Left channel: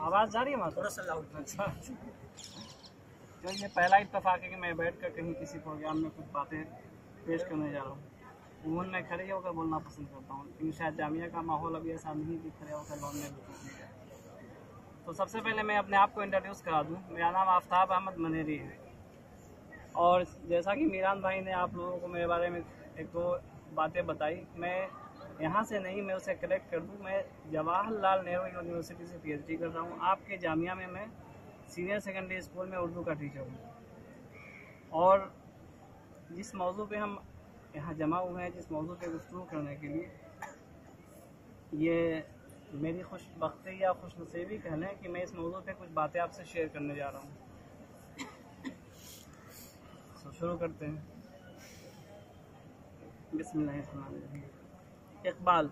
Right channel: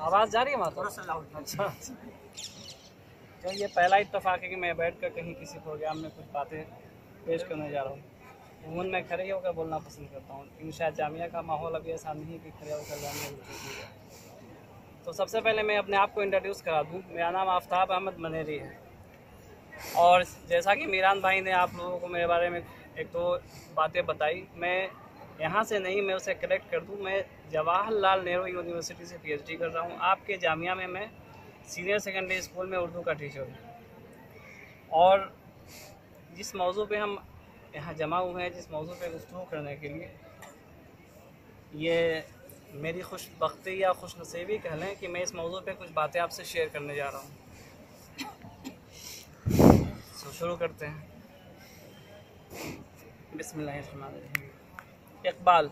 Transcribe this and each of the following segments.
आवाज़ जा रही है वहाँ तो? अच्छा, तो ये पहला इत्तेफाक है कि मैं बैठ कर कहीं किसी प्रोग्राम में कुछ बातें पेश करने जा रहा हूँ। उमूमन मैं खड़े होकर बोलना पसंद करता हूँ, क्योंकि शायद जामिया का माहौल अभी ऐसा नहीं कि खड़े होकर बोलने में। तो सबसे पहले मैं अपने आप को इंट्रोड्यूस करा दूँ। मेरा नाम आफ्ताब अहमद मनेरी है, और जैसा कि मीरान भाई ने आप लोगों को मेरे बारे में एक दो बातें बताई, मैं यहाँ से नहीं, मैं उसे करेक्ट कर दूँ। मैं जवाहरलाल नेहरू यूनिवर्सिटी से PhD कर रहा हूँ। आपके जामिया में मैं सीनियर सेकेंडरी स्कूल में उर्दू का टीचर हूँ। और जिस मौजू पे हम यहाँ जमा हुए हैं, जिस मौजू पे गुफ्तगू करने के लिए, ये मेरी खुशबख्ती या खुशनसीबी कह लें कि मैं इस मौजू पे कुछ बातें आपसे शेयर करने जा रहा हूँ। तो शुरू करते हैं। बिस्मिल्लाहिर्रहमानिर्रहीम। इकबाल,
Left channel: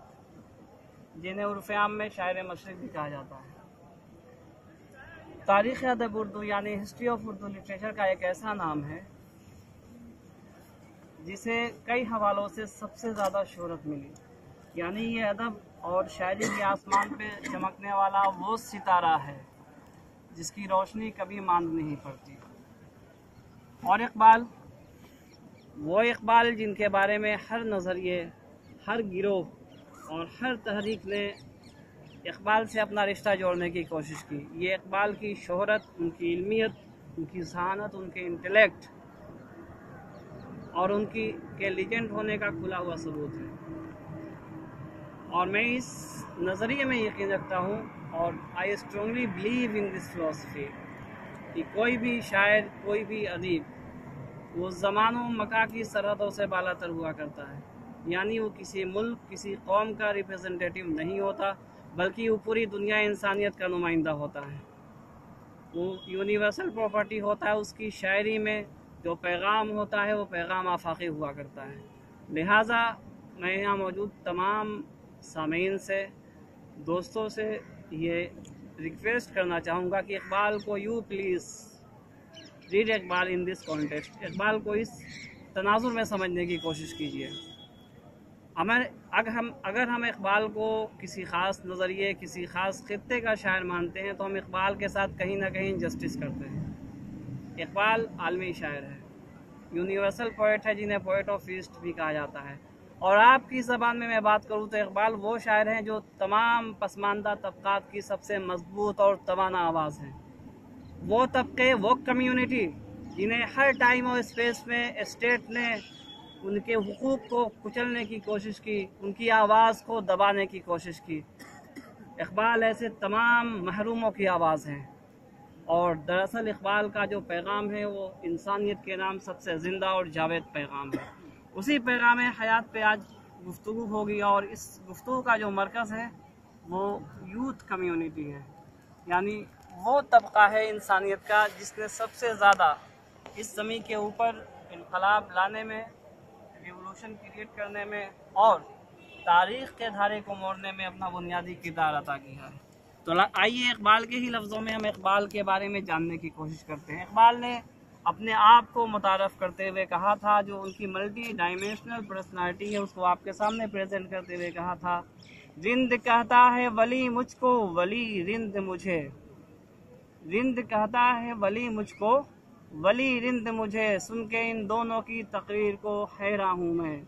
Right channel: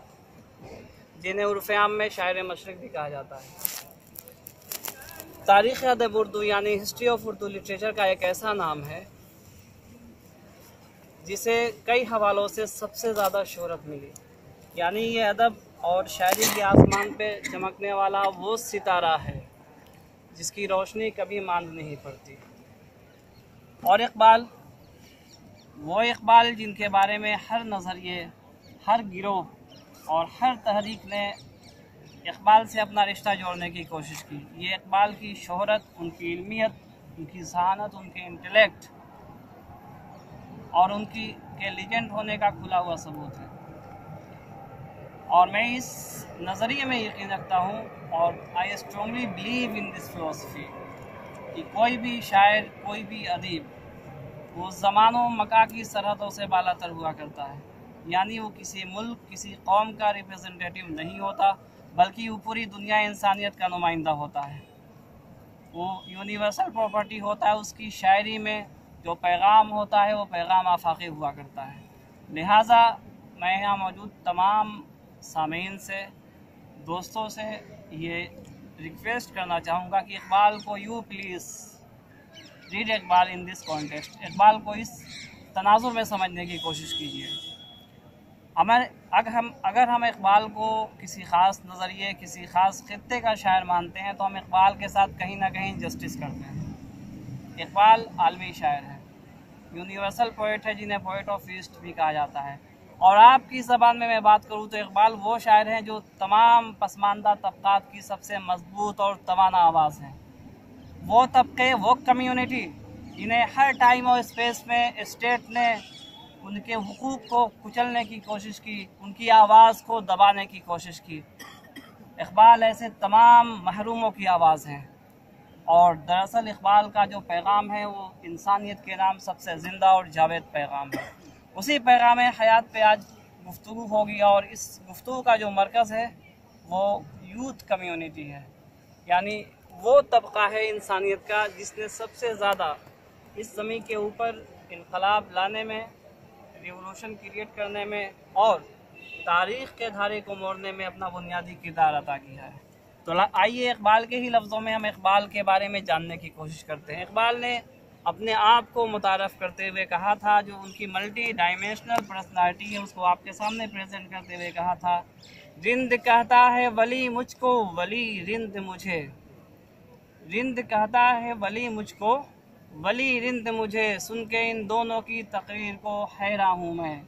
जिन्हें उर्फ़े आम में शायर मशरिक़ भी कहा जाता है, तारीख़ अदब उर्दू यानी हिस्ट्री ऑफ उर्दू लिटरेचर का एक ऐसा नाम है जिसे कई हवालों से सबसे ज़्यादा शोहरत मिली। यानी ये अदब और शायरी के आसमान पे चमकने वाला वो सितारा है जिसकी रोशनी कभी मांद नहीं पड़ती। और इकबाल, वो इकबाल जिनके बारे में हर नज़रिए, हर गिरोह और हर तहरीक ने इकबाल से अपना रिश्ता जोड़ने की कोशिश की। ये इकबाल की शोहरत, उनकी इल्मियत, उनकी ज़हानत, उनके इंटेलेक्ट और उनकी के लीजेंड होने का खुला हुआ सबूत है। और मैं इस नज़रिए में यकीन रखता हूँ, और I strongly believe in this philosophy, कि कोई भी शायर, कोई भी अदीब वो ज़मानों मका की सरहदों से बालातर हुआ करता है। यानी वो किसी मुल्क, किसी कौम का रिप्रेजेंटेटिव नहीं होता, बल्कि वो पूरी दुनिया इंसानियत का नुमाइंदा होता है। वो यूनिवर्सल प्रॉपर्टी होता है। उसकी शायरी में जो पैगाम होता है वो पैगाम आफाकी हुआ करता है। लिहाजा मैं यहाँ मौजूद तमाम सामीन से, दोस्तों से ये रिक्वेस्ट करना चाहूँगा कि इकबाल को you please read Iqbal in this context. Iqbal को इस तनाजुर में समझने की कोशिश कीजिए। अगर हम इकबाल को किसी ख़ास नज़रिए, किसी ख़ास खित्ते का शायर मानते हैं, तो हम इकबाल के साथ कहीं ना कहीं जस्टिस करते हैं। इकबाल आलमी शायर है, यूनिवर्सल पोइट है, जिन्हें पोइट ऑफ ईस्ट भी कहा जाता है। और आपकी ज़बान में मैं बात करूँ तो इकबाल वो शायर हैं जो तमाम पसमानदा तबक़ात की सबसे मजबूत और तवाना आवाज़ है। वो तबके, वो कम्युनिटी जिन्हें हर टाइम और स्पेस में स्टेट ने उनके हुकूक को कुचलने की कोशिश की, उनकी आवाज़ को दबाने की कोशिश की। इकबाल ऐसे तमाम महरूमों की आवाज़ है। और दरअसल इकबाल का जो पैगाम है वो इंसानियत के नाम सबसे ज़िंदा और जावेद पैगाम है। उसी पैगाम हयात पे आज गुफ्तगू होगी, और इस गुफ्तगू का जो मरकज़ है वो यूथ कम्युनिटी है। यानी वो तबका है इंसानियत का जिसने सबसे ज़्यादा इस ज़मीन के ऊपर इनकलाब लाने में, रिवोल्यूशन क्रिएट करने में और तारीख़ के धारे को मोड़ने में अपना बुनियादी किरदार अदा किया है। तो आइए इकबाल के ही लफ्ज़ों में हम इकबाल के बारे में जानने की कोशिश करते हैं। इकबाल ने अपने आप को मुतारफ़ करते हुए कहा था, जो उनकी मल्टी डायमेंशनल पर्सनालिटी है उसको आपके सामने प्रेजेंट करते हुए कहा था, रिंद कहता है वली मुझको, वली रिंद मुझे। रिंद कहता है वली मुझको, वली रिंद मुझे, सुन के इन दोनों की तकरीर को हैरान हूँ मैं।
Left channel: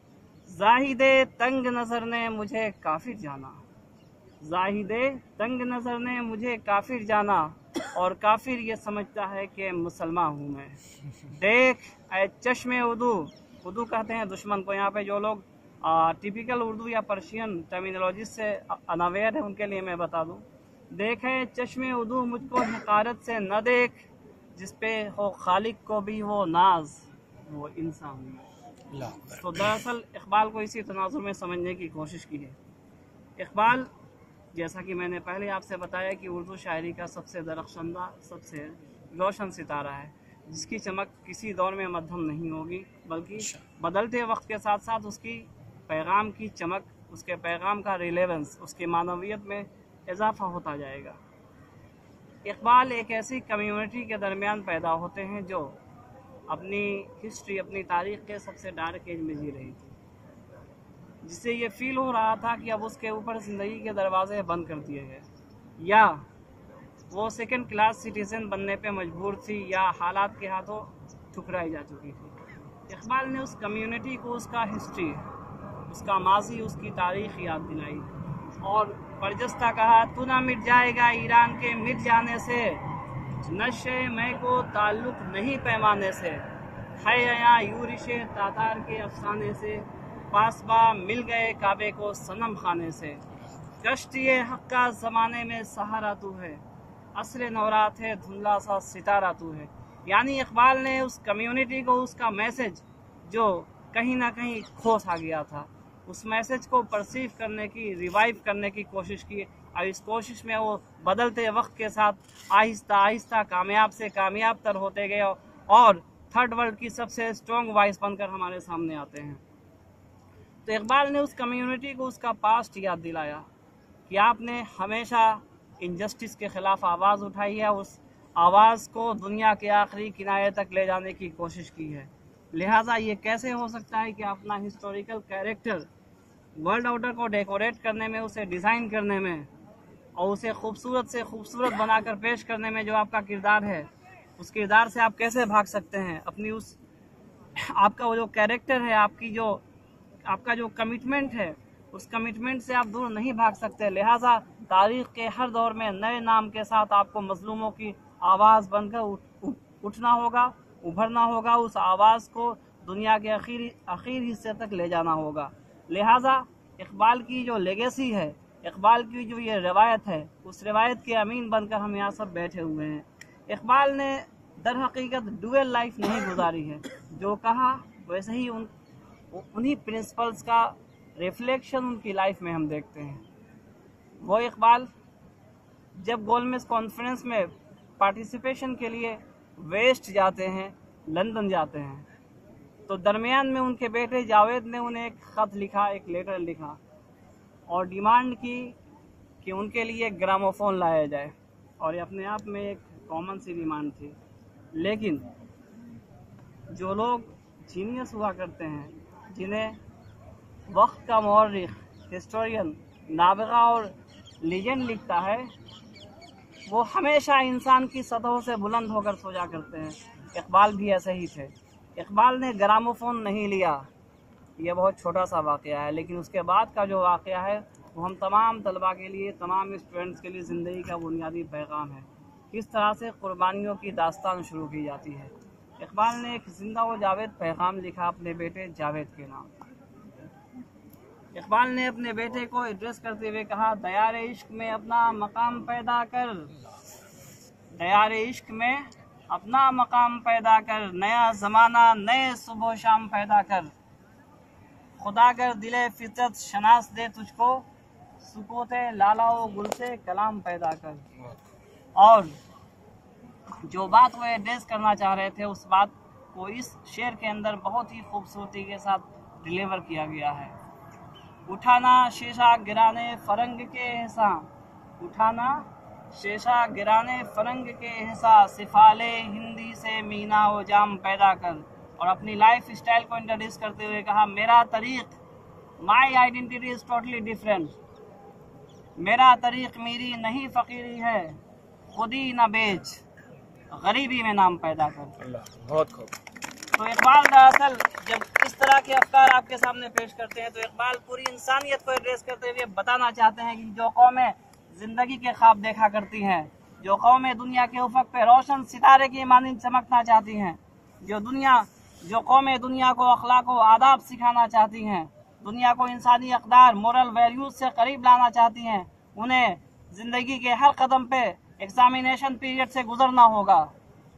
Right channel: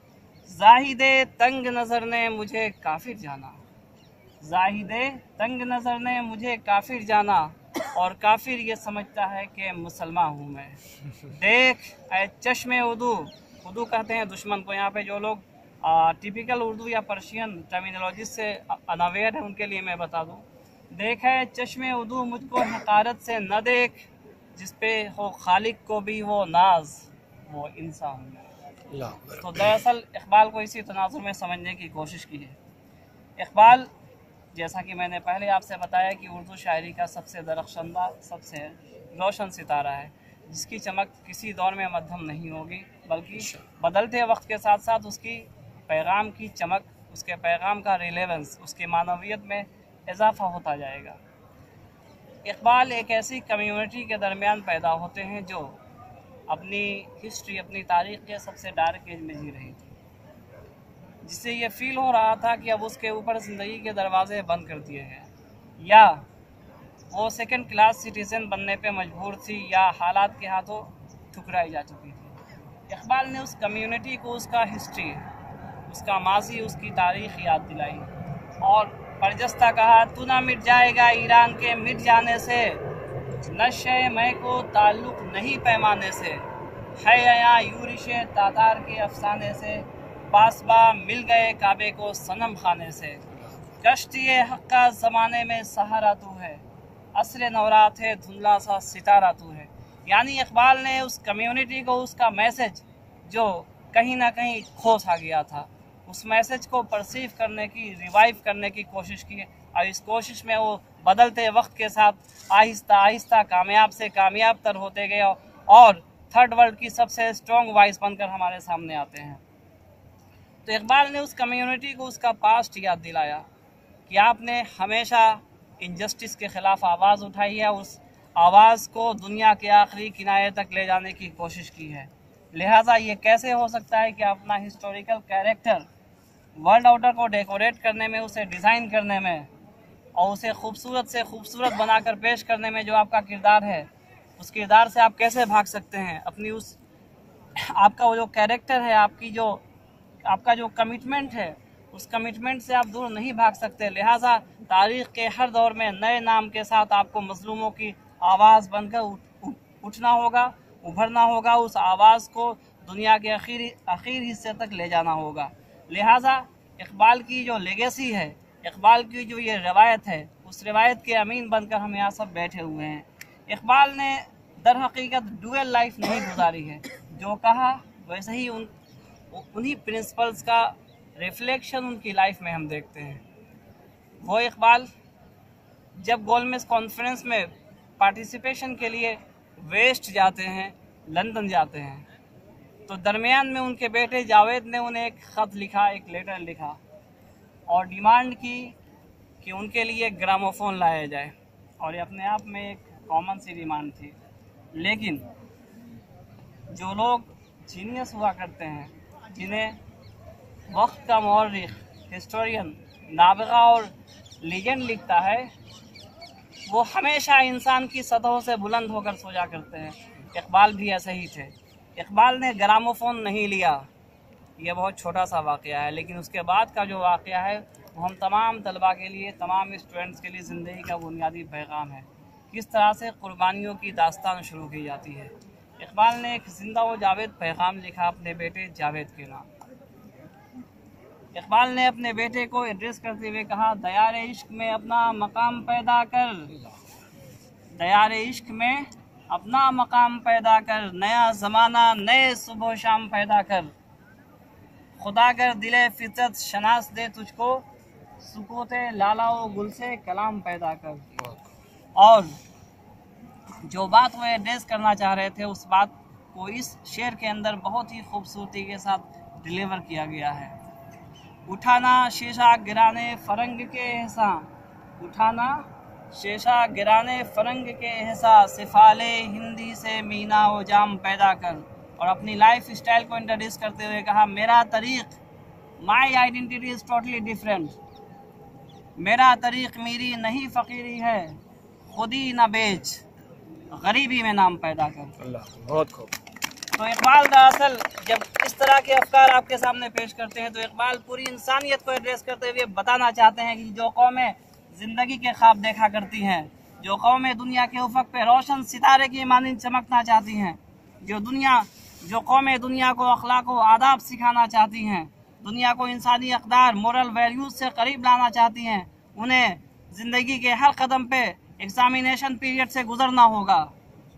जाहिदे तंग नज़र ने मुझे काफिर जाना, जाहिदे तंग नज़र ने मुझे काफिर जाना, और काफिर ये समझता है कि मुसलमान हूँ मैं। देख ऐ चश्मे उर्दू, उर्दू कहते हैं दुश्मन को। यहाँ पे जो लोग टिपिकल उर्दू या पर्शियन टर्मिनोलॉजी से अनअवेयर है उनके लिए मैं बता दूँ। देख है चश्मे उर्दू, मुझको हकारत से न देख, जिस पे हो खालिक को भी हो नाज, वो इंसान हूँ। तो दरअसल इकबाल को इसी तनाजुर में समझने की कोशिश की है। इकबाल, जैसा कि मैंने पहले आपसे बताया, कि उर्दू शायरी का सबसे दरख्शंदा, सबसे रोशन सितारा है, जिसकी चमक किसी दौर में मध्यम नहीं होगी, बल्कि बदलते वक्त के साथ साथ उसकी पैगाम की चमक, उसके पैगाम का रिलेवेंस, उसकी मानवियत में इजाफा होता जाएगा। इकबाल एक ऐसी कम्युनिटी के दरमियान पैदा होते हैं जो अपनी हिस्ट्री, अपनी तारीख़ के सबसे डार्क एज में जी रही थी, जिससे ये फील हो रहा था कि अब उसके ऊपर ज़िंदगी के दरवाजे बंद कर दिए गए, या वो सेकंड क्लास सिटीज़न बनने पे मजबूर थी या हालात के हाथों ठुकराई जा चुकी थी। इकबाल ने उस कम्युनिटी को उसका हिस्ट्री, उसका माजी, उसकी तारीख़ याद दिलाई और बरजस्ता कहा, तू ना मिट जाएगा ईरान के मिट जाने से, नशे मैं को ताल्लुक़ नहीं पैमाने से, है या यूरिश तातार के अफसाने से, पासबा मिल गए काबे को सनम खाने से, कश्ती हक़ का ज़माने में सहारा तू है, असर नौरात है धुंधला सा सितारा तू है। यानी इकबाल ने उस कम्युनिटी को उसका मैसेज जो कहीं ना कहीं खो सा गया था, उस मैसेज को परसीव करने की, रिवाइव करने की कोशिश की और इस कोशिश में वो बदलते वक्त के साथ आहिस्ता आहिस्ता कामयाब से कामयाब तर होते गए और थर्ड वर्ल्ड की सबसे स्ट्रॉन्ग वॉइस बनकर हमारे सामने आते हैं। तो इकबाल ने उस कम्युनिटी को उसका पास्ट याद दिलाया कि आपने हमेशा इनजस्टिस के ख़िलाफ़ आवाज़ उठाई है, उस आवाज़ को दुनिया के आखिरी किनारे तक ले जाने की कोशिश की है। लिहाजा ये कैसे हो सकता है कि अपना हिस्टोरिकल कैरेक्टर वर्ल्ड ऑर्डर को डेकोरेट करने में, उसे डिज़ाइन करने में और उसे खूबसूरत से खूबसूरत बनाकर पेश करने में जो आपका किरदार है, उस किरदार से आप कैसे भाग सकते हैं? अपनी उस आपका वो जो कैरेक्टर है, आपका जो कमिटमेंट है, उस कमिटमेंट से आप दूर नहीं भाग सकते। लिहाजा तारीख़ के हर दौर में नए नाम के साथ आपको मज़लूमों की आवाज़ बनकर उठना होगा, उभरना होगा, उस आवाज़ को दुनिया के आखिरी हिस्से तक ले जाना होगा। लिहाजा इकबाल की जो लेगेसी है, इकबाल की जो ये रवायत है, उस रवायत के अमीन बनकर हम यहाँ सब बैठे हुए हैं। इकबाल ने दर हकीकत डुअल लाइफ नहीं गुजारी है, जो कहा वैसे ही उन्हीं प्रिंसिपल्स का रिफ्लेक्शन उनकी लाइफ में हम देखते हैं। वो इकबाल जब गोलमेज कॉन्फ्रेंस में पार्टिसिपेशन के लिए वेस्ट जाते हैं, लंदन जाते हैं, तो दरमियान में उनके बेटे जावेद ने उन्हें एक ख़त लिखा, एक लेटर लिखा और डिमांड की कि उनके लिए ग्रामोफोन लाया जाए। और ये अपने आप में एक कॉमन सी डिमांड थी। लेकिन जो लोग जीनियस हुआ करते हैं, जिन्हें वक्त का मौर्रिख, हिस्टोरियन, नाबगा और लीजेंड लिखता है, वो हमेशा इंसान की सतहों से बुलंद होकर सोचा करते हैं। इकबाल भी ऐसे ही थे। इकबाल ने ग्रामोफोन नहीं लिया, ये बहुत छोटा सा वाक़या है, लेकिन उसके बाद का जो वाक़या है वो हम तमाम तलबा के लिए, तमाम स्टूडेंट्स के लिए ज़िंदगी का बुनियादी पैगाम है। किस तरह से कुर्बानियों की दास्तान शुरू की जाती है। इकबाल ने एक ज़िंदा व जावेद पैगाम लिखा अपने बेटे जावेद के नाम। इकबाल ने अपने बेटे को एड्रेस करते हुए कहा, दयार इश्क में अपना मकाम पैदा कर, दयार इश्क में अपना मकाम पैदा कर, नया ज़माना नए सुबह शाम पैदा कर, खुदा कर दिले फितरत शनास दे तुझको, सुकूते लाला व गुल से कलाम पैदा कर। और जो बात वो एड्रेस करना चाह रहे थे, उस बात को इस शेर के अंदर बहुत ही खूबसूरती के साथ डिलीवर किया गया है। उठाना शीशा गिराने फरंग के एहसान, उठाना शीशा गिराने फरंग के एहसान, सिफाले हिंदी से मीना व जाम पैदा कर। और अपनी लाइफ स्टाइल को इंट्रोड्यूस करते हुए कहा, मेरा तरीक़, my identity is totally different, मेरा तरीक़ मेरी नहीं फ़कीरी है, खुदी न बेच, गरीबी में नाम पैदा कर। अल्लाह, बहुत खूब। तो इकबाल दरअसल जब इस तरह के अफकार आपके सामने पेश करते हैं, तो इकबाल पूरी इंसानियत को एड्रेस करते हुए बताना चाहते हैं कि जो कौमें ज़िंदगी के ख्वाब देखा करती हैं, जो कौमें दुनिया के उफ़क़ पे रोशन सितारे की मानिंद चमकना चाहती हैं, जो कौमें दुनिया को अखलाक व आदाब सिखाना चाहती हैं, दुनिया को इंसानी अक़दार, मोरल वैल्यूज़ से करीब लाना चाहती हैं, उन्हें ज़िंदगी के हर कदम पे एग्ज़ामिनेशन पीरियड से गुज़रना होगा,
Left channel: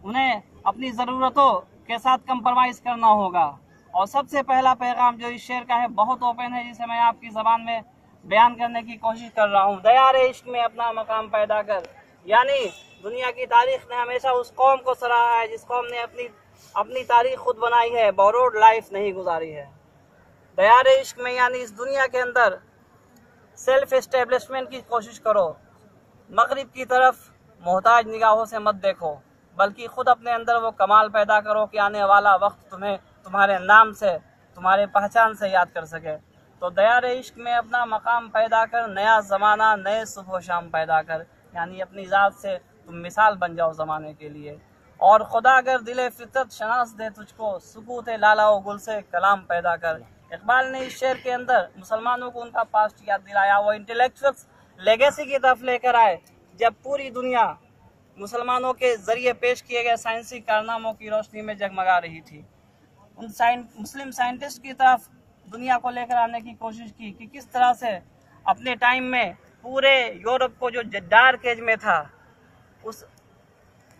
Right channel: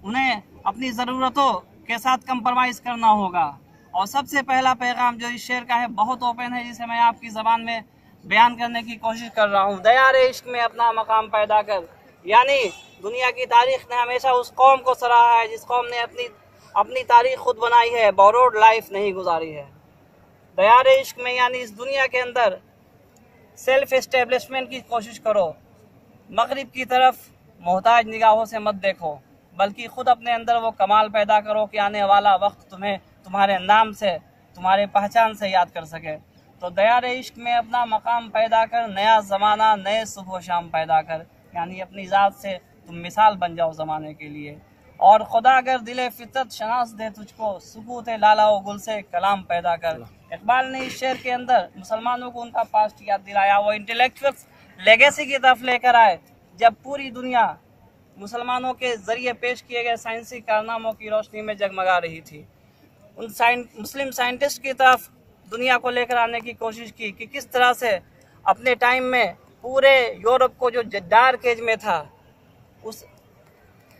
उन्हें अपनी ज़रूरतों के साथ कंप्रोमाइज़ करना होगा। और सबसे पहला पैगाम जो इस शेर का है बहुत ओपन है, जिसे मैं आपकी ज़बान में बयान करने की कोशिश कर रहा हूँ। दयार इश्क में अपना मकाम पैदा कर, यानी दुनिया की तारीख़ ने हमेशा उस कौम को सराहा है जिस कौम ने अपनी तारीख़ खुद बनाई है, बोरोड लाइफ नहीं गुजारी है। दयार इश्क में यानी इस दुनिया के अंदर सेल्फ एस्टेब्लिशमेंट की कोशिश करो, मगरिब की तरफ मोहताज निगाहों से मत देखो, बल्कि ख़ुद अपने अंदर वो कमाल पैदा करो कि आने वाला वक्त तुम्हें तुम्हारे नाम से, तुम्हारे पहचान से याद कर सके। तो दयार इश्क में अपना मकाम पैदा कर, नया ज़माना नए सुबह शाम पैदा कर, यानी अपनी ज़ात से तुम मिसाल बन जाओ ज़माने के लिए। और खुदा अगर दिले फितरत शनास दे तुझको, सुकूत लाला व गुल से कलाम पैदा कर। इकबाल ने इस शेर के अंदर मुसलमानों को उनका पास्ट याद दिलाया, वो इंटेलेक्चुअल्स लेगेसी की तरफ लेकर आए जब पूरी दुनिया मुसलमानों के ज़रिए पेश किए गए साइंसी कारनामों की रोशनी में जगमगा रही थी। उन मुस्लिम साइंटिस्ट की तरफ दुनिया को लेकर आने की कोशिश की कि किस तरह से अपने टाइम में पूरे यूरोप को जो डार्क एज में था, उस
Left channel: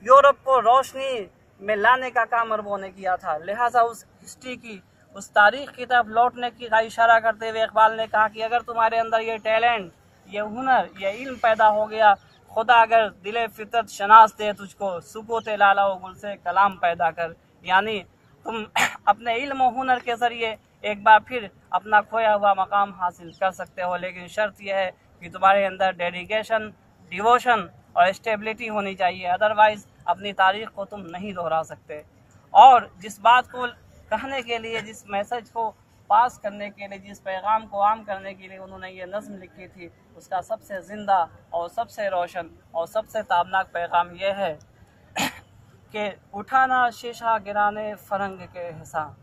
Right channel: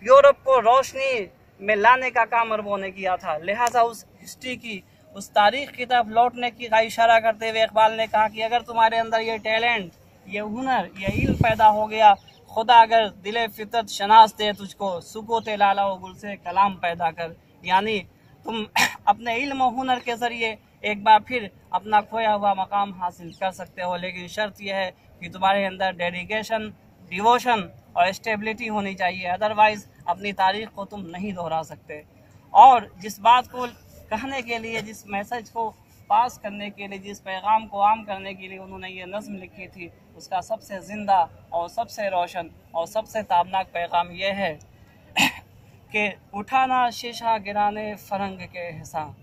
यूरोप को रोशनी में लाने का काम अरबों ने किया था। लिहाजा उस हिस्ट्री की, उस तारीख की तरफ लौटने की का इशारा करते हुए इकबाल ने कहा कि अगर तुम्हारे अंदर ये टैलेंट, ये हुनर, ये इल्म पैदा हो गया, खुदा अगर दिले फितरत शनास दे तुझको, सुकूत लाला व गुल से कलाम पैदा कर। यानी तुम अपने इल्म और हुनर के ज़रिए एक बार फिर अपना खोया हुआ मकाम हासिल कर सकते हो, लेकिन शर्त यह है कि तुम्हारे अंदर डेडिकेशन, डिवोशन और स्टेबिलिटी होनी चाहिए, अदरवाइज़ अपनी तारीख को तुम नहीं दोहरा सकते। और जिस बात को कहने के लिए, जिस मैसेज को पास करने के लिए, जिस पैगाम को आम करने के लिए उन्होंने ये नज़्म लिखी थी, उसका सबसे ज़िंदा और सबसे रोशन और सबसे ताबनाक पैगाम यह है कि उठाना शीशा गिराने फ़रंग के हिस्सा,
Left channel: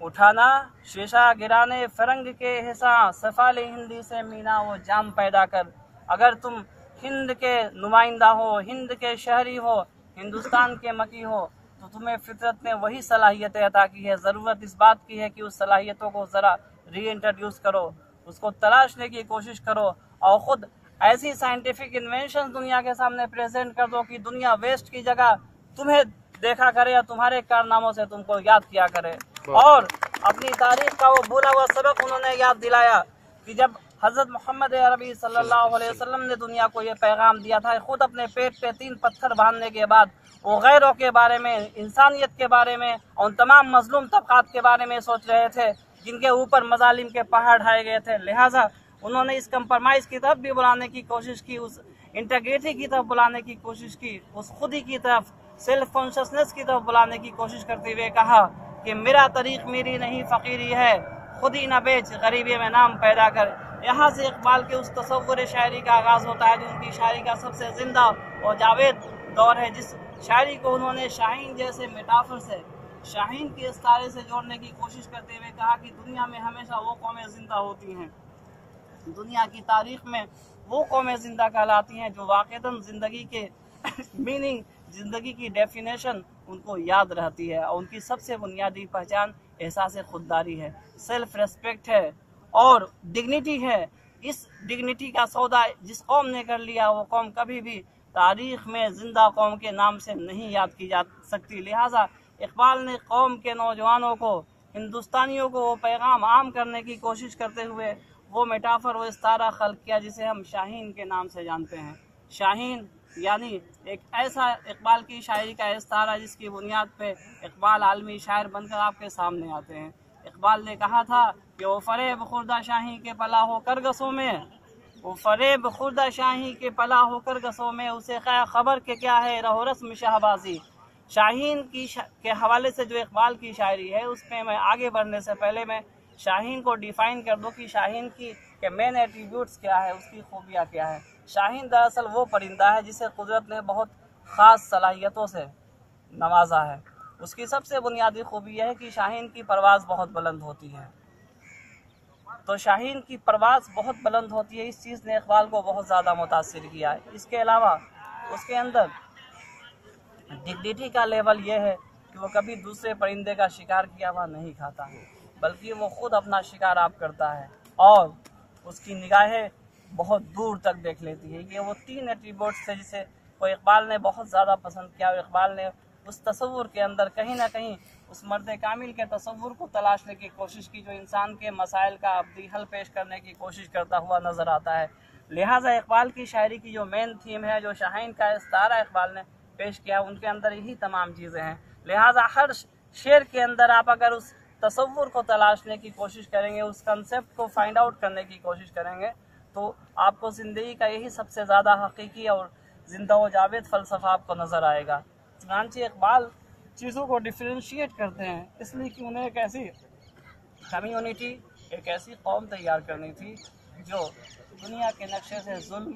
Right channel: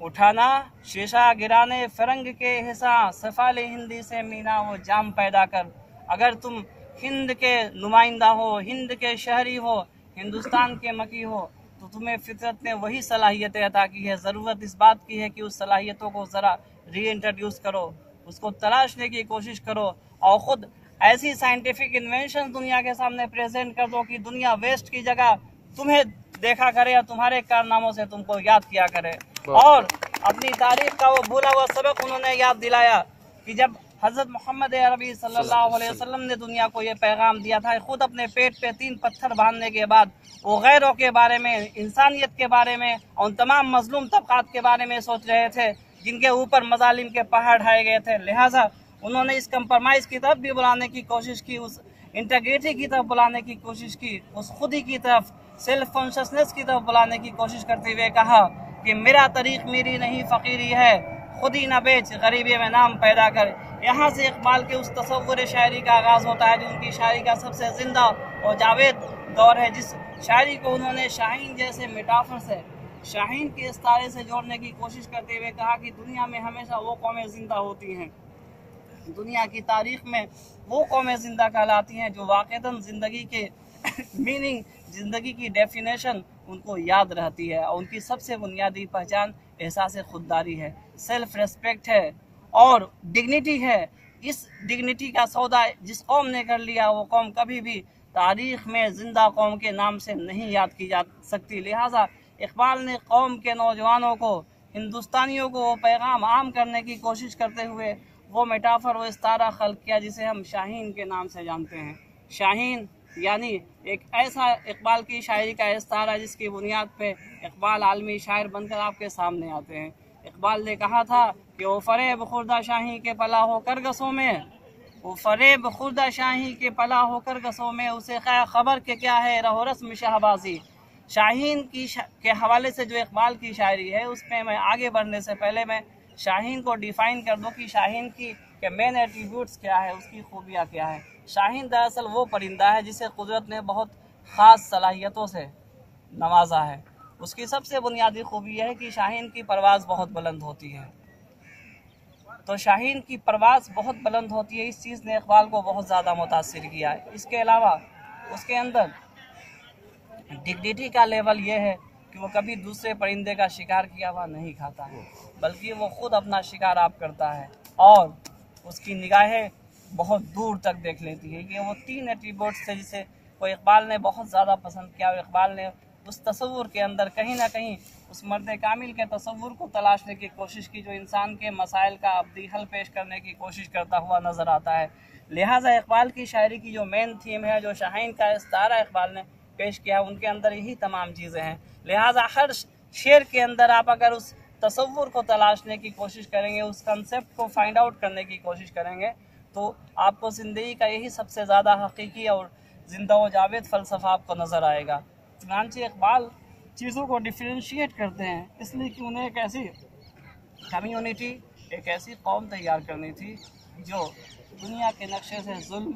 उठाना शीशा गिराने फ़रंग के हिस्सा, सफ़ाले हिंदी से मीना वो जाम पैदा कर। अगर तुम हिंद के नुमाइंदा हो, हिंद के शहरी हो, हिंदुस्तान के मकी हो, तो तुम्हें फितरत ने वही सलाहियतें अता की है। ज़रूरत इस बात की है कि उस सलाहियतों को ज़रा रीइंट्रोड्यूस करो, उसको तलाशने की कोशिश करो और ख़ुद ऐसी साइंटिफिक इन्वेंशन दुनिया के सामने प्रेजेंट कर दो कि दुनिया वेस्ट की जगह तुम्हें देखा करे या तुम्हारे कारनामों से तुमको याद किया करे। और अपनी तारीख का वो भूला हुआ सबक उन्होंने याद दिलाया कि जब हज़रत मोहम्मद अरबी सल्लल्लाहु अलैहि वसल्लम ने दुनिया को ये पैगाम दिया था, खुद अपने पेट पे 3 पत्थर बांधने के बाद वो गैरों के बारे में, इंसानियत के बारे में और उन तमाम मजलूम तबकात के बारे में सोच रहे थे जिनके ऊपर मजालिम के पहाड़ ढाए गए थे। लिहाजा उन्होंने इस कंप्रोमाइज़ की तरफ भी बुलाने की कोशिश की, उस इंटीग्रिटी की तरफ बुलाने की कोशिश की, उस खुदी की तरफ, सेल्फ कॉन्शसनेस की तरफ बुलाने की कोशिश करते हुए कहा कि मेरा तरीक़ मेरी नहीं फ़कीरी है, खुदी न बेच गरीबी में नाम पैदा कर। यहाँ से इकबाल के उस तसव्वुर शायरी का आगाज़ होता है जो उनकी शायरी का सबसे ज़िंदा और जावेद दौर है, जिस शायरी को उन्होंने शाहीन जैसे मेटाफर से, शाहीन के इस्तारे से जोड़ने की कोशिश करते हुए कहा कि दुनिया में हमेशा वो कौमें ज़िंदा होती हैं, दुनिया की तारीख़ में वो कौमें ज़िंदा कहलाती हैं जो वाक़तन ज़िंदगी के मीनिंग, ज़िंदगी की डेफिनेशन उनको याद रहती है और उनकी सबसे बुनियादी पहचान एहसास खुददारी है, सेल्फ रेस्पेक्ट है और डिग्निटी है। इस डिग्निटी का सौदा जिस कौम ने कर लिया, वो कौम कभी भी तारीख़ में ज़िंदा कौम के नाम से नहीं याद की जा सकती। लिहाजा इकबाल ने कौम के नौजवानों को, हिंदुस्तानियों को वो पैगाम आम करने की कोशिश करते हुए वो मेटाफर, वो इस्तारा खल्क़ किया जिसे हम शाहीन के नाम से जानते हैं। शाहीन यानी एक ऐसा इकबाल की शायरी का इस्तारा जिसकी बुनियाद पे इकबाल आलमी शायर बनकर आपके सामने आते हैं। इकबाल ने कहा था कि वो फ़रेब खुर्दा शाही के पला होकर गसों में, वो फ़रेब खुर्दा शाही के पला होकर गसों में, उसे खबर के क्या है रहो रस्म शाहबाजी। शाहीन के हवाले से जो इकबाल की शायरी है, उसमें मैं आगे बढ़ने से पहले मैं शाहीन को डिफ़ाइन कर दूँ कि शाहीन की के मेन एट्रीब्यूट्स क्या है, उसकी खूबियाँ क्या है। शाहीन दरअसल वो परिंदा है जिसे कुदरत ने बहुत ख़ास सलाहियतों से नवाजा है। उसकी सबसे बुनियादी खूबी यह है कि शाहीन की परवाज़ बहुत बुलंद होती है। तो शाहीन की परवाज़ बहुत बुलंद होती है, इस चीज़ ने इकबाल को बहुत ज़्यादा मुतासिर किया है। इसके अलावा उसके अंदर डिग्निटी का लेवल यह है कि वो कभी दूसरे परिंदे का शिकार किया हुआ नहीं खाता, बल्कि वो ख़ुद अपना शिकार आप करता है और उसकी निगाहें बहुत दूर तक देख लेती है। ये वो 3 एट्रीब्यूट्स थे जिसे वो इकबाल ने बहुत ज़्यादा पसंद किया और इकबाल ने उस तसव्वुर के अंदर कहीं ना कहीं उस मर्द कामिल के तसव्वुर को तलाशने की कोशिश की जो इंसान के मसाइल का अब्दी हल पेश करने की कोशिश करता हुआ नज़र आता है। लिहाजा इकबाल की शायरी की जो मेन थीम है, जो शाहीन का इस्तारा इकबाल ने पेश किया, उनके अंदर यही तमाम चीज़ें हैं। लिहाजा हर शेर के अंदर आप अगर उस तसव्वुर को तलाशने की कोशिश करेंगे, उस कंसेप्ट को फाइंड आउट करने की कोशिश करेंगे, तो आपको ज़िंदगी का यही सबसे ज़्यादा हकीकी और ज़िंदा व जावेद फ़लसफ़ा आपको नज़र आएगा। चुनांचे इकबाल चीज़ों को डिफ्रेंशिएट करते हैं इसलिए कि उन्हें एक ऐसी कम्युनिटी, एक ऐसी कौम तैयार करनी थी जो दुनिया के नक्शे से जुल्म,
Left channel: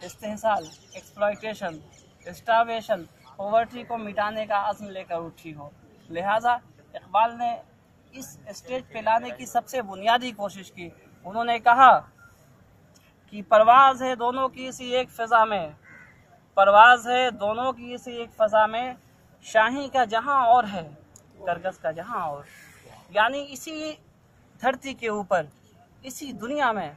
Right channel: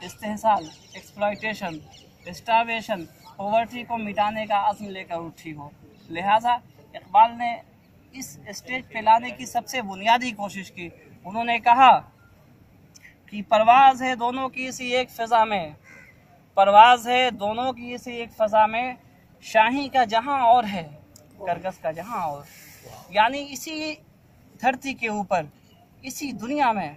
इस्तेहसाल, एक्सप्लॉयटेशन, स्टारवेशन, पॉवर्टी को मिटाने का अज़्म लेकर उठी हो। लिहाजा इकबाल ने इस स्टेज पे लाने की सबसे बुनियादी कोशिश की। उन्होंने कहा कि परवाज़ है दोनों की इसी एक फ़िज़ा में, परवाज़ है दोनों की इसी एक फ़ज़ा में, शाही का जहां और है, करगस का जहां और। यानी इसी धरती के ऊपर, इसी दुनिया में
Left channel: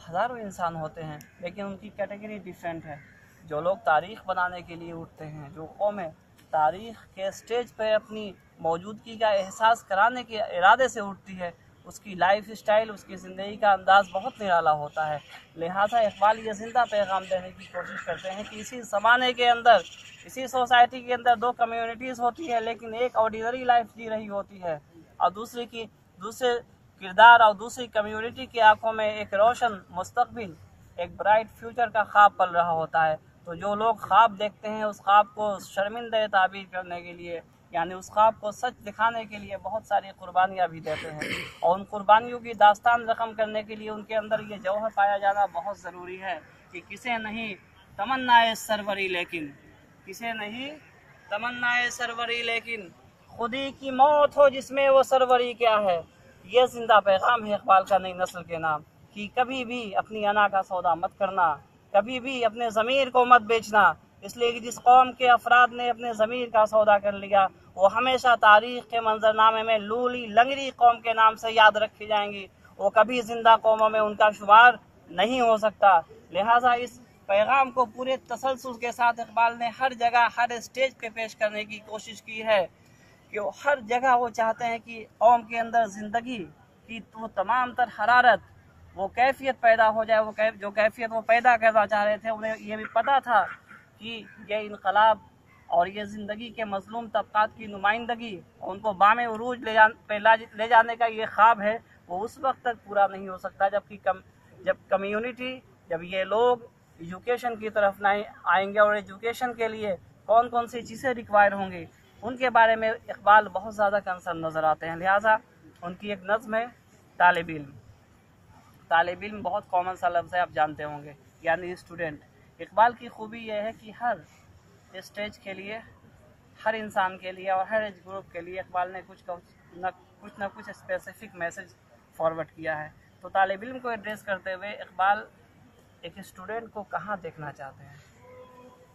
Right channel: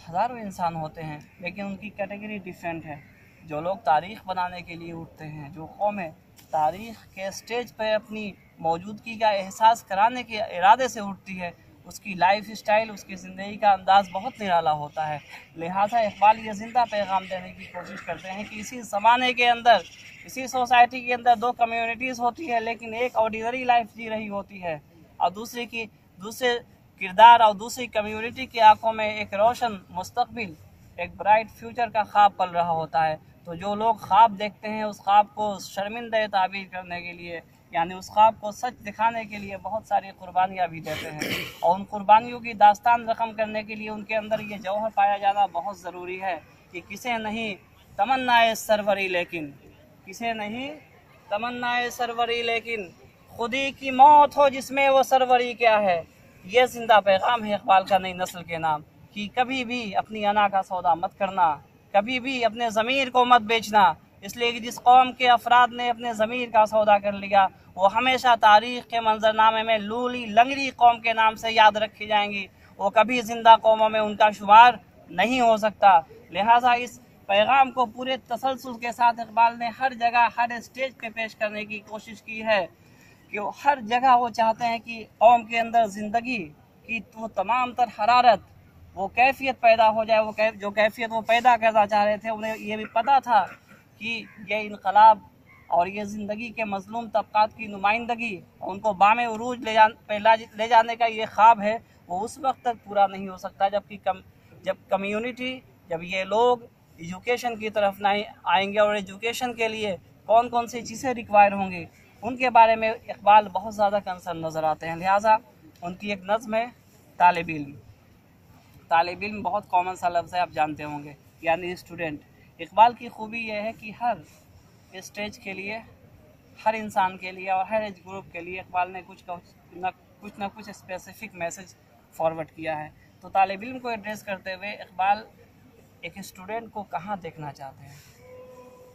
हज़ारों इंसान होते हैं, लेकिन उनकी कैटेगरी डिफरेंट है। जो लोग तारीख़ बनाने के लिए उठते हैं, जो कौमें तारीख़ के स्टेज पर अपनी मौजूदगी का एहसास कराने के इरादे से उठती है, उसकी लाइफ स्टाइल, उसकी ज़िंदगी का अंदाज़ बहुत निराला होता है। लिहाजा इकबाल ये ज़िंदा पैगाम देने की कोशिश करते हैं कि इसी ज़माने के अंदर, इसी सोसाइटी के अंदर दो कम्युनिटीज़ होती है, लेकिन एक ऑर्डिनरी लाइफ जी रही होती है और दूसरे किरदार और दूसरी कम्युनिटी की आंखों में एक रोशन मुस्तकबिल, एक ब्राइट फ्यूचर का ख्वाब पल रहा होता है। तो जो लोग ख्वाब देखते हैं, उस ख्वाब को शर्मिंदा ताबीर करने के लिए, यानी उस ख्वाब को सच दिखाने के लिए बहुत सारी कुर्बानियाँ भी देते हैं, और उन कुर्बानियों की दास्तान रकम करने के लिए उनके अंदर ये जौहर पाया जाना बहुत ज़रूरी है कि किसे नहीं तमन्नाए सरवरी लेकिन, किसे नहीं तमन्नाए सरवरी लेकिन, खुदी की मौत हो जिसमें वो सरवरी क्या है। ये जिंदा पैगाम है इकबाल का नई नस्ल के नाम कि कभी भी अपनी अना का सौदा मत करना, कभी भी अपने ज़मीर को मत बेचना। इसलिए कि जिस कौम के अफराद ने अपने ज़मीर का सौदा कर लिया, वो हमेशा तारीख़ के मंजरनामे में लूली लंगड़ी कौम के नाम से याद रखी जाएंगी। वो कभी ज़िंदा कौमों में उनका शुमार नहीं हो सकता। लिहाजा इस पैगाम को पूरे तसलसल के साथ इकबाल ने हर जगह, हर स्टेज पे पेश करने की कोशिश की है कि हर जगह वो चाहते हैं कि कौम के अंदर ज़िंदगी की वो तमाम तर हरारत, वो कैफियत पैदा हो जाए। वो जो कैफियत वो पैदा करना चाह रहे थे, उन्हें ये भी पता था कि ये इनकलाब और ये ज़िंदगी के मज़लूम तबक़ात की नुमाइंदगी, उनको बामे उरूज ले जाने का ये ख्वाब है, वो उस वक्त तक पूरा नहीं हो सकता जब कम्युनिटी, जब ये लोग एजुकेशन की तरफ नहीं आएंगे। और एजुकेशन के लिए कौन कौन सी चीज़ें रिक्वायर होंगी, उनके बारे में इकबाल बहुत ज़्यादा कंसर्न नज़र आते हैं। लिहाजा उनकी एक नज़्म है तालिब इल्म। तालिब इल्म बहुत कॉमन सा लफ्ज़ है, आप जानते होंगे, यानी स्टूडेंट। इकबाल की खूबी यह है कि हर स्टेज के लिए, हर इंसान के लिए और हर एज ग्रुप के लिए इकबाल ने कुछ न कुछ स्पेसिफिक मैसेज फॉरवर्ड किया है। तो तालिब इल्म को एड्रेस करते हुए इकबाल एक स्टूडेंट को कहाँ देखना चाहते हैं,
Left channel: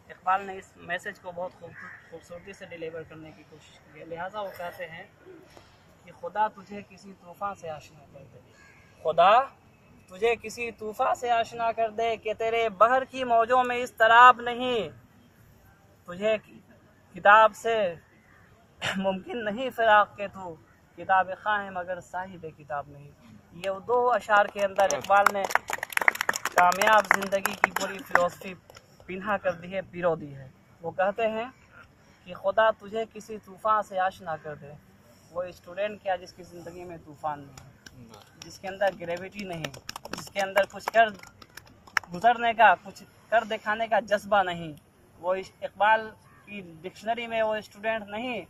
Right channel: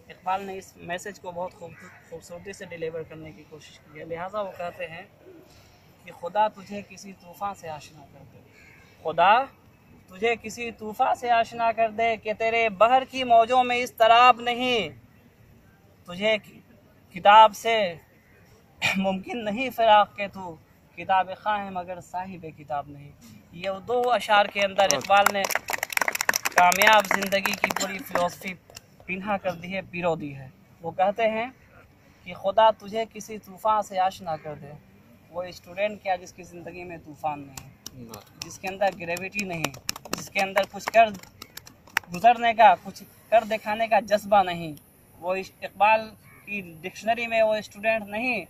इकबाल ने इस मैसेज को बहुत खूबसूरती से डिलीवर करने की कोशिश की है। लिहाजा वो कहते हैं कि खुदा तुझे किसी तूफ़ान से आशना कर दे, खुदा तुझे किसी तूफ़ान से आशना कर दे कि तेरे बहर की मौजों में इस तराब नहीं, तुझे किताब से मुमकिन नहीं फ़िराक़ के तू किताब ख़्वां है मगर साहिब किताब नहीं। ये दो अशार के अंदर इकबाल ने कामयाब ज़िंदगी की पूरी फ़िलॉसफ़ी पिन्हा कर दी है, पिरो दी है। वो कहते हैं कि खुदा तुझे किसी तूफ़ान से आशना कर दे। वो स्टूडेंट क्या जिसकी ज़िंदगी में तूफ़ान नहीं, जिसके अंदर ग्रेविटी नहीं, जिसके अंदर कुछ कर गुजरने का, कुछ कर दिखाने का जज्बा नहीं, वो इकबाल की डिक्शनरी में वो स्टूडेंट नहीं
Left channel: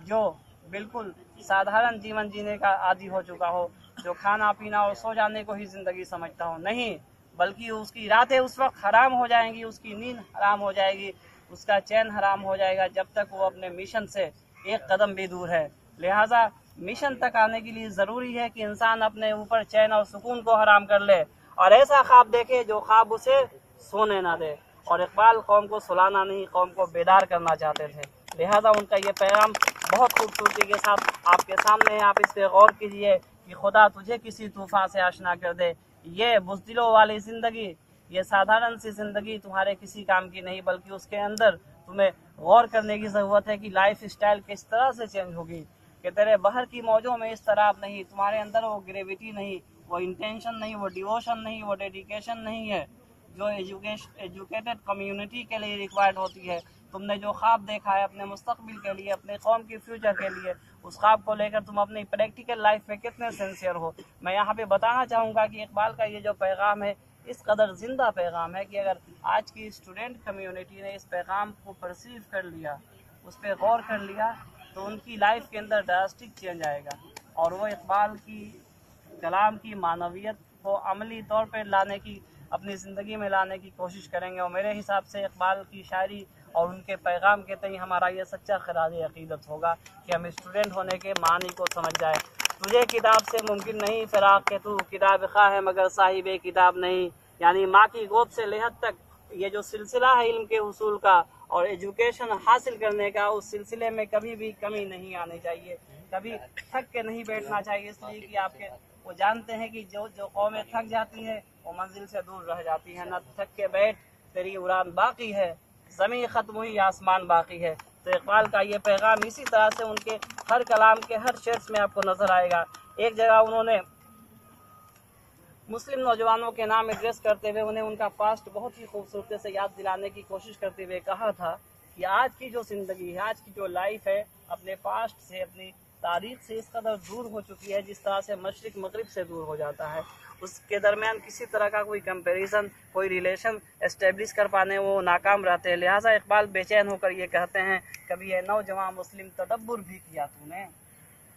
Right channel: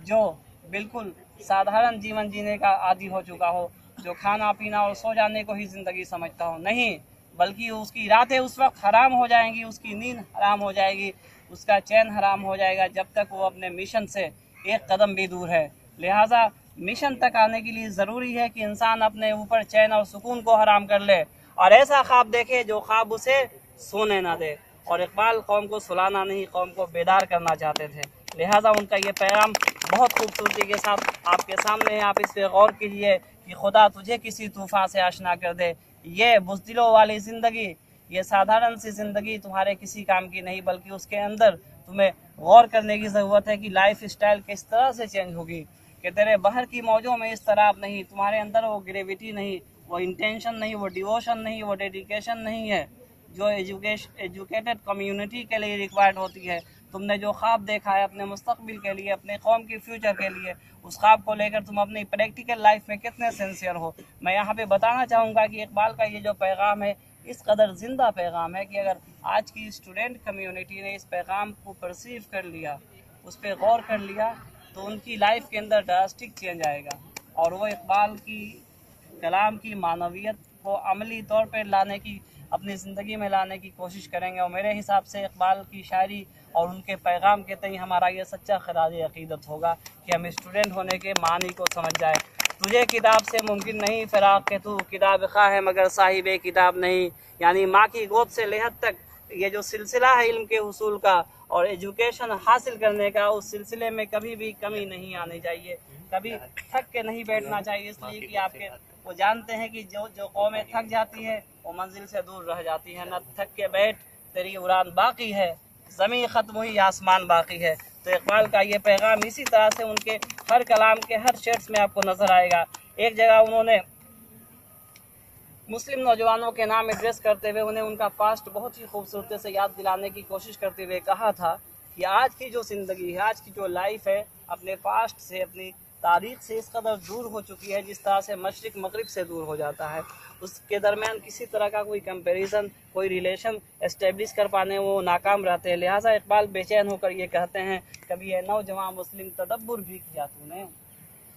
जो बिल्कुल साधारण जीवन जीने का आदी हो चुका हो, जो खाना पीना और सो जाने को ही ज़िंदगी समझता हो। नहीं, बल्कि उसकी रातें उस वक्त हराम हो जाएंगी, उसकी नींद हराम हो जाएगी, उसका चैन हराम हो जाएगा जब तक वो अपने मिशन से एक कदम भी दूर है। लिहाजा मिशन तक आने के लिए ज़रूरी है कि इंसान अपने ऊपर चैन और सुकून को हराम कर ले और ऐसा ख्वाब देखे जो ख्वाब उसे सोने ना दे। और इकबाल कौम को सुलाना नहीं, कौम को बेदार करना चाहते थे। लिहाजा उनका ये पैगाम बहुत खूबसूरती के साथ आपके सामने है। आप इस पर गौर कीजिए कि खुदा तुझे किसी तूफ़ान से आशना कर दे। ये बुज़दिलों वाली ज़िंदगी, ये साधारण सी ज़िंदगी तुम्हारे किसी काम की नहीं, बल्कि उसके अंदर तुम्हें गौर करने की ज़रूरत है कि लाइफ स्टाइल किस तरह से चेंज होगी कि तेरे बाहर की मौजों में इस तराब नहीं, तुम्हारे अंदर वो ग्रेविटी नहीं, वो इंटेंशन नहीं, वो डिवोशन नहीं, वो डेडिकेशन नहीं है जो एजुकेटेड कम्युनिटी के लिए रिक्वायर्ड होती है। तुमने जो ख्वाब देखा है अपने मुस्तकबिल के लिए, अपने कौम की फ्यूचर के लिए, उस ख्वाब को लेकर तुम अपनी प्रैक्टिकल लाइफ में कितने सिंसियर हो। मैं यहाँ पे बताना चाहूँगा कि इकबाल का ये जो पैगाम है इस कदर ज़िंदा पैगाम है कि अगर आज की स्टूडेंट कम्युनिटी ने इस पैगाम को परसीव कर लिया, उस पर गौर कर लिया, तो उनकी लाइफ के अंदर ड्रास्टिक चेंज आएगा और वो इकबाल की कलाम की मानवियत को अमली तौर पर लाने की अपनी ज़िंदगी में लाने की कोशिश करेंगे। और मेरे हिसाब से इकबाल की शायरी और उनके पैगाम के तई हमारा ये सच्चा खराज अक़ीदत होगा कि हम स्टूडेंट होने के मानी को समझ जाए। तुझे किताब से मुमकिन नहीं फ़िराक़ के तू किताब खा है मगर साहिब किताब नहीं। यानी माँ की गोद से लेहद तक ये जो सिलसिला है इल्म के उसूल का और एजुकेशन हासिल करने का, उस सिलसिले में कभी भी कमी नहीं आनी चाहिए, कभी थक के नहीं बैठना चाहिए। इसलिए कि आपके वो जानते हैं कि जो कौमें थक जाती है वो मंजिल से दूर रह जाती है। न थक के बैठ तेरी उड़ान बाकी है, ज़मीन ख़त्म हुई आसमान बाकी है। तो इकबाल का ये पैगाम इसी तरह से उनके हर कलाम के हर शेड्स में आपको नज़र आएगा। एक जगह उन्होंने मुस्लिम नौजवानों के नाम एड्रेस करते हुए उन्हें उनका पास्ट बहुत ही खूबसूरती से याद दिलाने की कोशिश करते हुए कहा था कि आज की जो ज़िंदगी है, आज की जो लाइफ है, अपने पास्ट से, अपनी तारीख से इस कदर दूर हो चुकी है जिस तरह से मशरिक मगरिब से दूर हो जाता है। उसके दरमियान किसी तरह का कोई कंपैरिजन, कोई रिलेशन एस्टेब्लिश कर पाने वो नाकाम रहते हैं। लिहाजा इकबाल बेचैन होकर ये कहते हैं, कभी ये नौजवान मुस्लिम तदब्बुर भी किया तूने,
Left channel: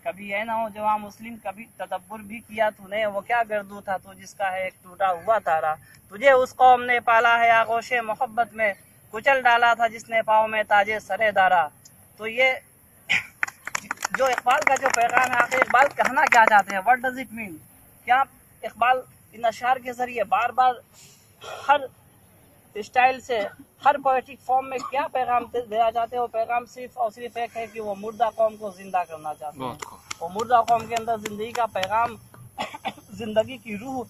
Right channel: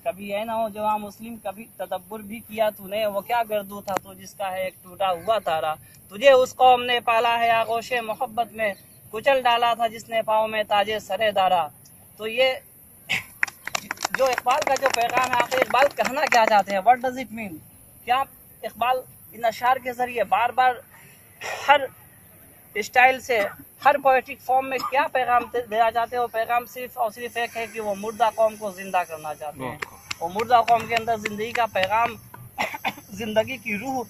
कभी ये नौजवान मुस्लिम कभी तदब्बुर भी किया तूने। वो क्या गर्दू था तू जिसका है एक टूटा हुआ तारा। तुझे उस कौम ने पाला है आगोशे मोहब्बत में, कुचल डाला था जिसने पाँव में ताजे सरे दारा। तो ये जो इकबाल का जो पैगाम है, आखिर इकबाल कहना क्या चाहते हैं, व्हाट डज इट मीन। क्या इकबाल इन अशार के ज़रिए बार बार हर स्टाइल से, हर पोएटिक फॉर्म में क्या पैगाम देना चाहते हैं? वो पैगाम सिर्फ और सिर्फ एक है कि वो मुर्दा कौम को जिंदा करना चाहते हैं। वो मुर्दा कौम के अंदर ज़िंदगी का पैगाम, ज़िंदगी की रूह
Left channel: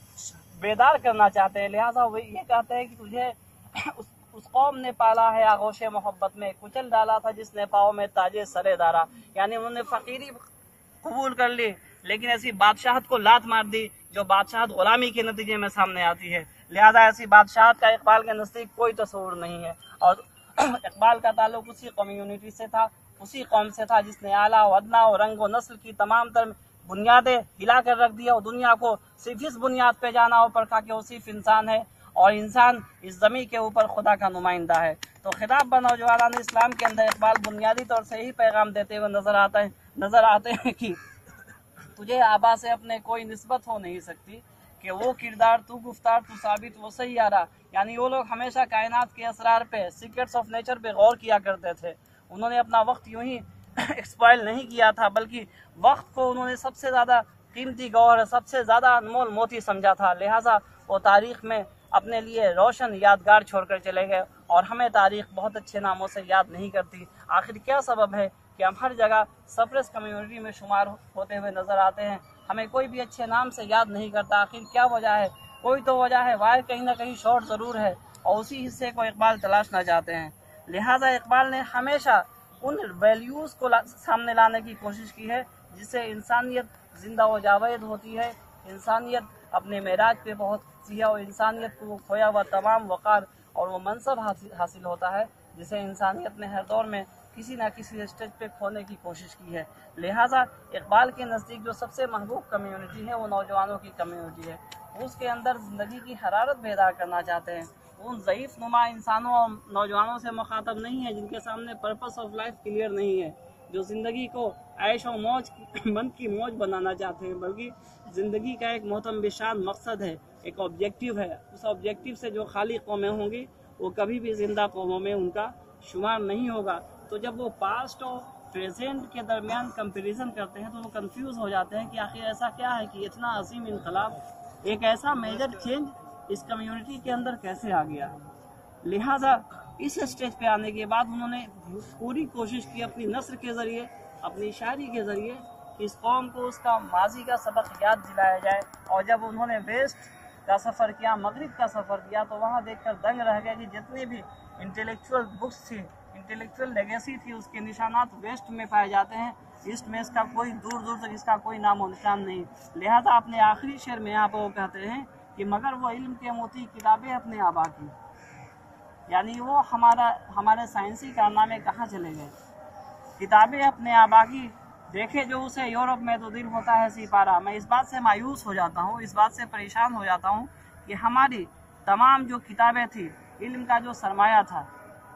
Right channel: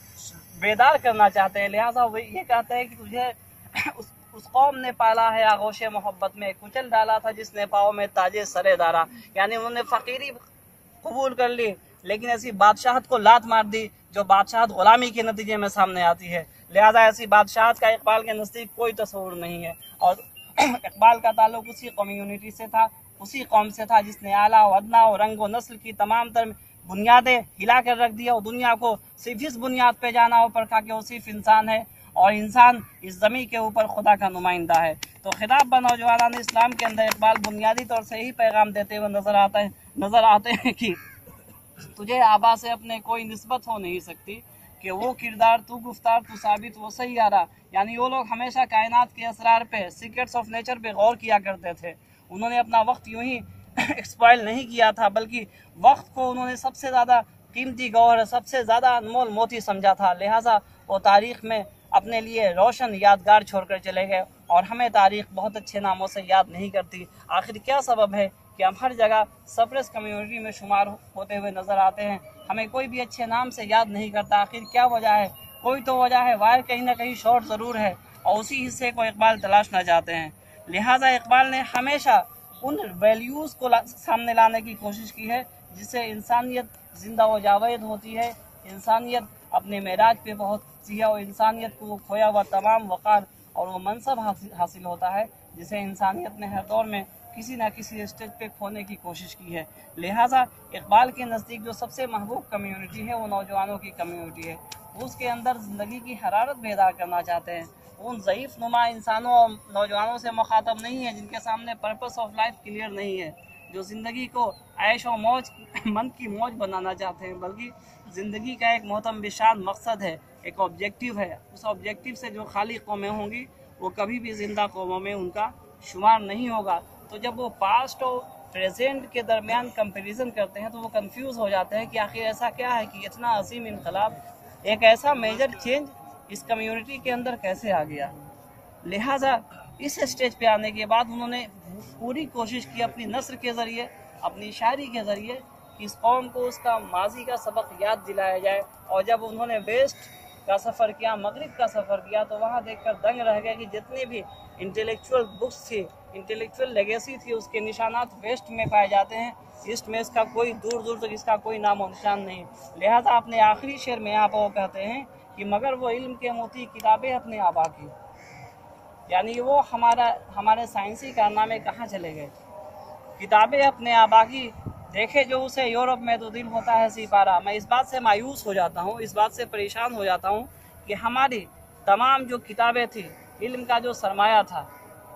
बेदार करना चाहते हैं। लिहाजा वो ये कहते हैं कि तुझे उस कौम ने पाला है आगोशे मोहब्बत में, कुचल डाला था जिसने पाँव में ताजे सरे दारा। यानी उन्होंने फ़कीरी कबूल कर ली लेकिन ऐसी बादशाहत को लात मार दी जो बादशाहत ग़ुलामी के नतीजे में सामने आती है। लिहाजा ऐसी बादशाहत का इकबाल के नज़दीक कोई तस्वुर नहीं है। और इकबाल का ताल्लुक उसी कम्यूनिटी से था, उसी कौम से था जिसने आला व अदना और रंग व नस्ल की तमाम तर बुनियादें हिला कर रख दिया और दुनिया को सिर्फ इस बुनियाद पे जाना हो पड़ा कि वो सिर्फ इंसान है और इंसान इस ज़मीन के ऊपर खुदा का नुमाइंदा है। तो खिताब ब नौजवान इस्लाम के अंदर इकबाल बुनियादी तौर से यही पैगाम देते हुए नज़र आते हैं कि तुझे आबा से अपने कोई निस्बत हो नहीं सकती, कि वो किरदार तू गुफ्तार तू साबित वो सही आ रहा। यानी वो लोग हमेशा कायनात के असरार पे, सीक्रेट्स ऑफ नेचर पे गौर किया करते थे। उन्होंने अपना वक्त यूं ही एक्सपॉइल नहीं किया था, बल्कि वक्त को उन्होंने सबसे ज़्यादा कीमती गौहर, सबसे ज़्यादा अनमोल मोती समझा था। लिहाजा वो तारीख़ में अपने लिए रोशन यादगार छोड़कर चले गए और हमें तारीख़ बहुत अच्छे नामों से याद नहीं करती। आखिर क्या सबब है कि हम हर जगह सप्रेस कम्युनिटी में शुमार होते हुए नज़र आते हैं, हमें कोई भी अच्छे नाम से याद नहीं करता। आखिर क्या वजह है? कोई तो वजह है, वायर कहीं ना कहीं शॉर्ट ज़रूर है और उसी हिस्से को इकबाल तलाशना चाहते हैं। लिहाजा इकबाल ने हमेशा उन वैल्यूज़ को सामने लाने की कोशिश की है जिससे इंसानियत ज़िंदा व जावेद होती है, इंसानियत अपने मेराज पे पहुँचती है और इंसानियत को वो खोया हुआ तमाम वक़ार और वो मनसब हासिल होता है जिसे इंसानियत ने हर दौर में किसी न किसी स्टेज पे खोने की कोशिश की है। लिहाजा इकबाल के नज़दीक जो सबसे महबूब कम्युनिटी है वो नौजवानों की कम्युनिटी है। उसके अंदर ज़िंदगी की हरारत बेदार करना चाहते हैं। उन ज़ईफ़ नुमा इंसानों और नौजवानों से मुखातब नहीं है जिनके सामने पर्पस ऑफ लाइफ क्लियर नहीं है, जो ज़िंदगी को ऐश और मौज, मन की मौज बनाना चाहते हैं, बल्कि ज़िंदगी का एक मोहतम बिशान मकसद है, एक ऑब्जेक्टिव है। उस ऑब्जेक्टिव से जो खाली कौमें होंगी वो कभी भी ज़िंदा कौमों में उनका शुमार नहीं होगा। तो जब वो पास्ट और प्रेजेंट के दरमियान कंपैरिजन करते हैं तो वो कंफ्यूज हो जाते हैं कि आखिर ऐसा क्या है कि इतना अजीम इनकलाब, एक ऐसा मेजर चेंज इस कम्युनिटी के अंदर कैसे आ गया। लिहाजा इस स्टेज पे आने के बाद उन्होंने पूरी कोशिश की अपनी नस्र के ज़रिए, अपनी शायरी के ज़रिए कि इस कौम को उसका माजी का सबक याद दिलाया जाए। और जब उन्होंने वेस्ट का सफ़र किया, मगरिब का सफ़र किया, तो वहाँ देखकर दंग रह गया कि जितनी भी इंटेलेक्चुअल बुक्स थी, इंटेलेक्चुअल लेगेसी थी, उसके निशानात वेस्ट में पाए जाते हैं। ईस्ट में इसका कोई दूर दूर तक इसका कोई नाम और निशान नहीं। लिहाजा अपने आखिरी शेर में यहाँ पर वो कहते हैं कि मगर वो इल्म के मोती किताबें अपने आबा की, यानी वो हमारे साइंसी कारनामे कहाँ चले गए, किताबें अपने आबा की, देखे जो उसे यूरोप में तो दिल होता है सिपारा। मैं इस बात से मायूस हो जाता हूँ, इस बात से परेशान हो जाता हूँ कि हमारी तमाम जो किताबें थी, इल्म का जो सरमाया था,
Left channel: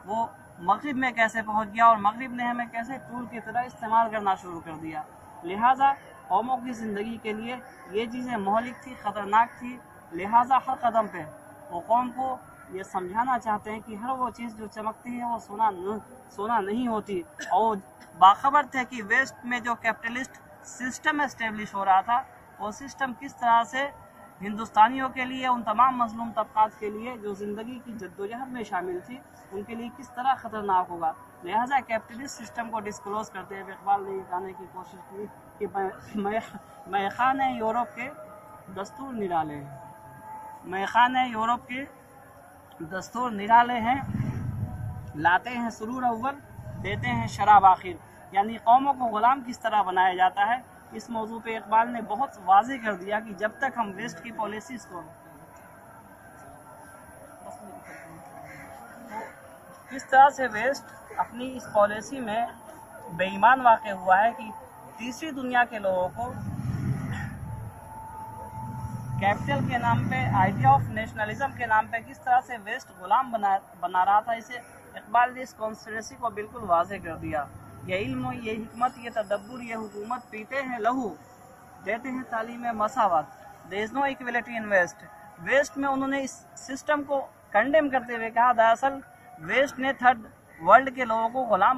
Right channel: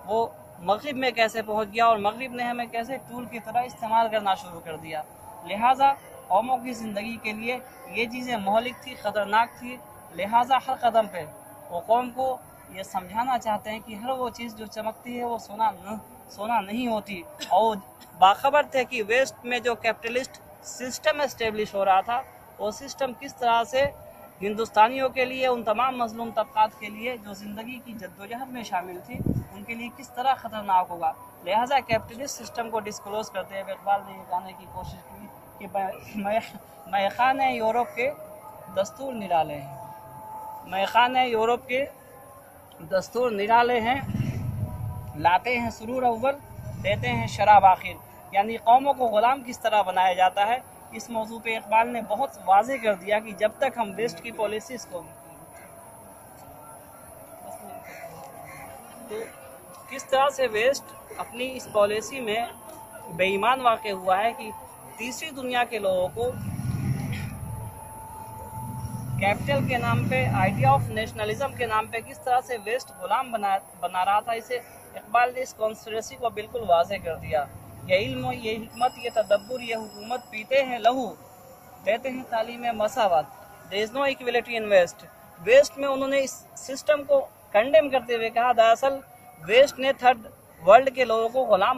वो मगरिब में कैसे पहुँच गया और मगरिब ने हमें कैसे टूल की तरह इस्तेमाल करना शुरू कर दिया। लिहाजा कौमों की ज़िंदगी के लिए ये चीज़ें महलिक थी, ख़तरनाक थी। लिहाजा हर कदम पे वो कौम को ये समझाना चाहते हैं कि हर वो चीज़ जो चमकती है वो सोना नहीं होती। और बाखबर थे कि वेस्ट में जो कैपिटलिस्ट सिस्टम एस्टेब्लिश हो रहा था, वो सिस्टम किस तरह से हिंदुस्तानियों के लिए, उन तमाम मजलूम तबकात के लिए जो ज़िंदगी की जद्दोजहद में शामिल थी, उनके लिए किस तरह ख़तरनाक होगा। लिहाजा कैपिटलिस्ट सिस्टम को डिस्क्लोज करते हुए इकबाल ने ये कहने की कोशिश की कि मैखाने यूरोप के दस्तूर निराले हैं, मैखाने यूरोप के दस्तूर निराले हैं, लाते हैं सुरूर अव्वल, देते हैं शराब आखिर। यानी कौमों को ग़ुलाम किस तरह बनाया जाता है, इस मौजू पे इकबाल ने बहुत वाज़ेह कर दिया कि जब तक हम वेस्ट की पॉलिसीज़ को, तो किस तरह से वेस्ट अपनी इस पॉलिसी में बेईमान वाक़ हुआ है कि तीसरी दुनिया के लोगों को कैपिटल के नाम पे, आइडिया ऑफ नेशनलिज्म के नाम पे किस तरह से वेस्ट गुलाम बना रहा था। इसे इकबाल ने इस कॉन्स्पिरेसी को बिल्कुल वाज़ेह कर दिया। ये इल्म, ये हिकमत, ये तदब्बुर, ये हुकूमत पीते हैं लहू, देते हैं तालीम मसावत, there is no equality in West. West में उन्होंने इस सिस्टम को कंडेम करते हुए कहा, दरअसल वेस्ट ने थर्ड वर्ल्ड के लोगों को गुलाम